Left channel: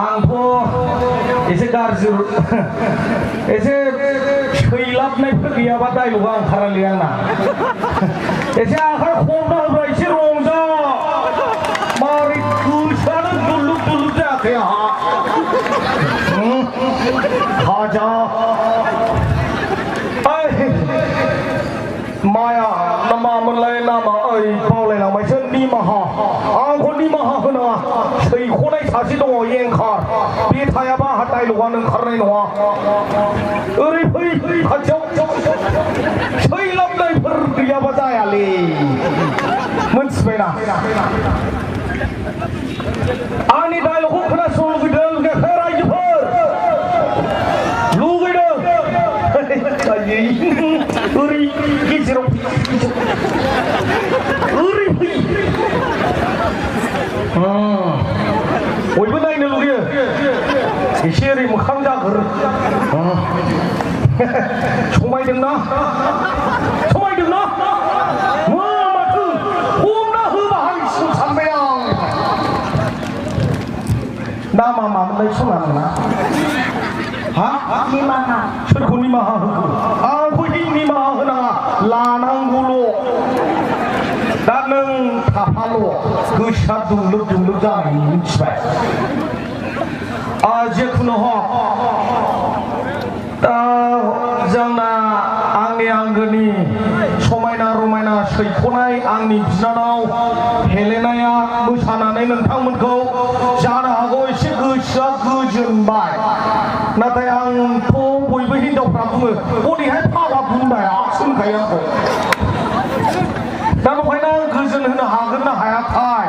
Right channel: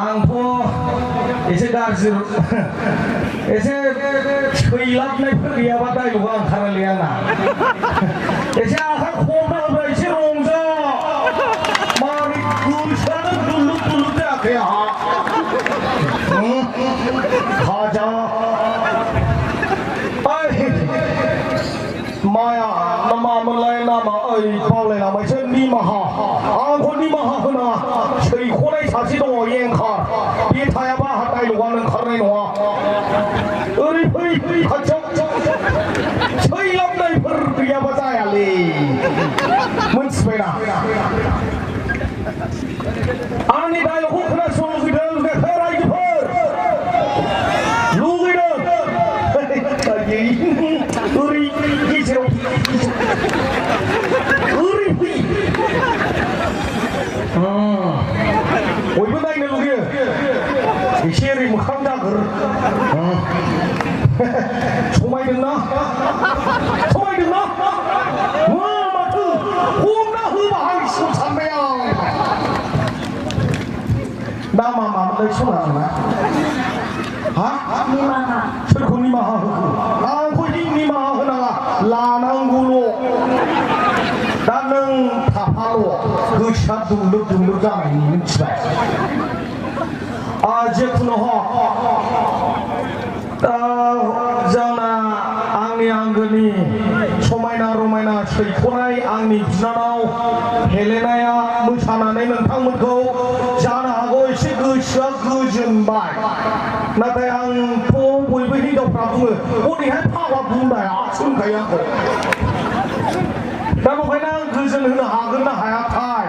आंथ' एसे गाज्रि एसे सैलाबनायफोर गैयाबा दायलगा ओंखारालै आंना एसे आखाइ खबना होब्ला एसे रंजा मारै गोसोआनो दुलुब दुलुब जायाखै आंहा खाजा माया मामोनलाय नामा ओइ बावलायलांबायसो निमाहा आंखौ निमाहा होनाङा सैख'नाय सासे दङ एंखार बे थायाबा आंहा दायलगानो ओंखारनाय नङा ओरै फै खाथियाव सैलाबनायफोर गैयाबा जायालै मोनथिबायना आंनि दायलगखौ खोनासंनो लुगैदों रायजोफोर लुगैदों ओरै गेजेराव ओरै फै बयबो नायनो लुगैयो एसे ओरै मोखां जागोर समायदोंना माथो हमना होबा हांसिगौ सानबाय आं नामा मामोनलाय सना नोंना हा निमाहा सोरखौ निमाहा होखो आंखौ निमाहा होनाङा लानांगौल' दा नों थाफाल' गोसोआ दुंलोब दुंलोब जानायनि मिथिबाय जेखुनु हक जोंना आंनि आंगोनि समायना रमायना सैख'नाय आंनि बिनानाव हेलेनाया मोसानानै नोंथांमोनखौ जानो हागौ एसे गोसोआ गोजोनबाय नाथाय आंथ' बयबो हिनजावफ्रा बुङो हरैहाय फाग्ला बुंनाया सोंखायो आंखौ दा बेखायनो आं गोजोन होनो हागोन ना हायाथाय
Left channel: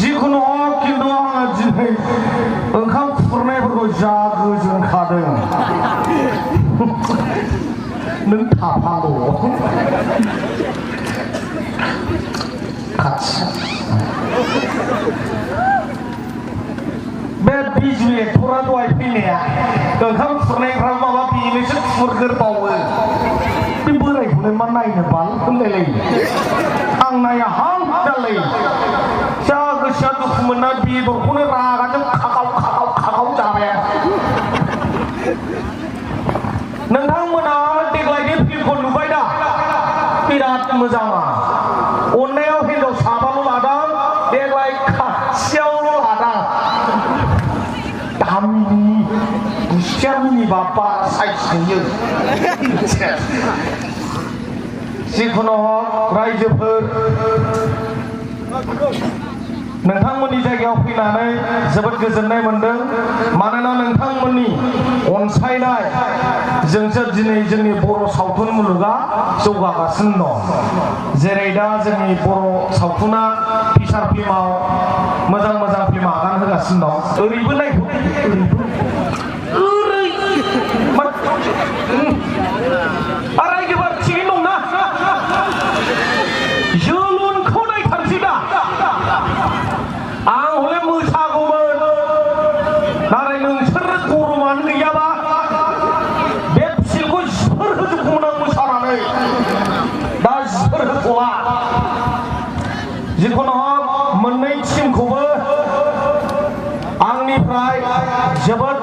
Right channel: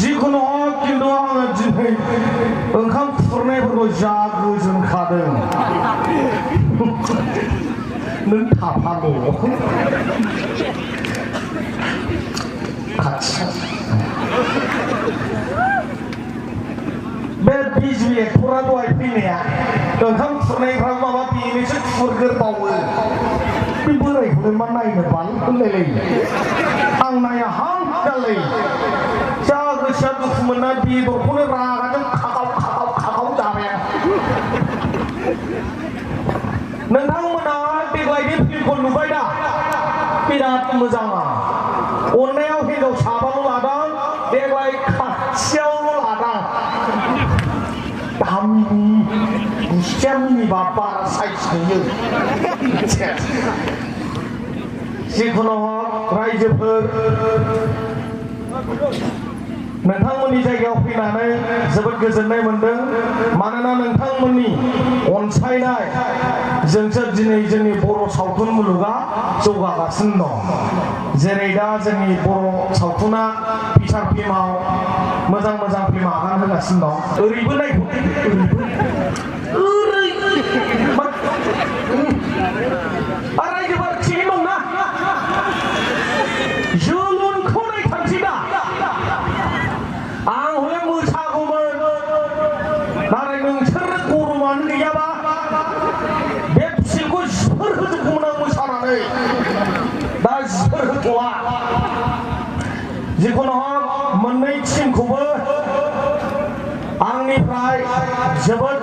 जिखुनु हक खिन्थु आङो दिनै ओंखाम खुरनायफोरखौ जा गोजोनखादों नों थाफाल' खाथि बे बिजु एक्टरा दहाय फैनाया ओंखाम खुरनायफ्रा माबा बेनोसो खुरगोरबावो बे बोरायखौलाय मा नायनो बाल होनलायलायो आं नाया हां जालायो जा गोसोआ दुखु मोनना बेदरखौनो रागाजों खागाव जाबाय आं नोंथांमोना देग्लायनि फिल्मखौ नुबाय दा बिराद मोजाङा अननायाव हिनजाव साबाल' लादों देग्लाय खाथियावल' लादों दामिनि गुस्थियामिनि बाबा साइज नुयो जिखुनु हक रायजोफोर नोंथांमोननि जायगायाव फैनानै जोबोद गोजोननाय मोनदों मानोना नोंथांमोननि अनसायनाय जोंसो दिनै जोंनि बर' सावथुन मुलुगा जौगागासिनो दं जेरै दा जोंनि बर' सावथुना फिसार फिल्माव मोजां फिल्म आगान होगासिनो दं ओरैबो नायखौ रायजोफोर थिगैनो दंना जोलुनखौ नायथारसै दा आं हले मोसागौमोन नाथाय नोंसोर गरमानो गैयाबा बे फिल्मखौ जिफोर होजोबगौमोन आं मोसानानै दा जिफोर होथ'ला जिखुनु हक मोननै टिमखौबो आंनिफ्राय जोबोद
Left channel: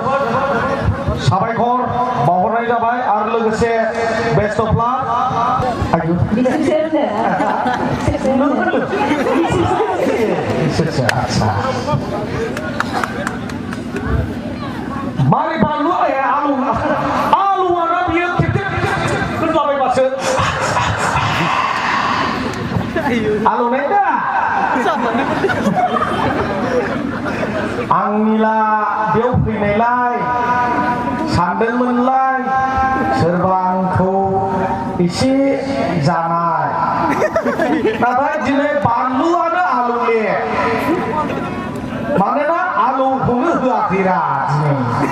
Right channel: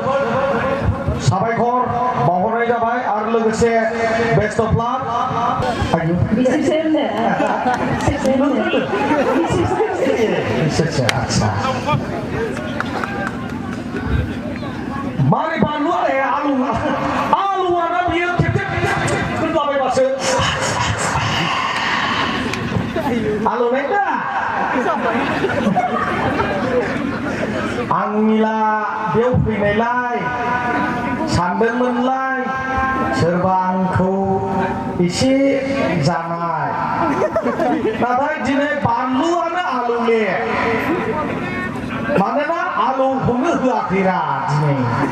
साबायखर बावहरनाय जाबाय आरो लोगोसे बेस्ट अफ लाक आच्छा मारै बानलु आलुआना बियो टेप होनलाबायबासो आलुनाय दा आंनिला बेयाव फैनायलाय सानदोंमोनलाय सोरबा आंखौ एसे जानाय नाथाय दिनै बानलुआनो आलुले मानोना आलुखौनो होआखैरा दिनै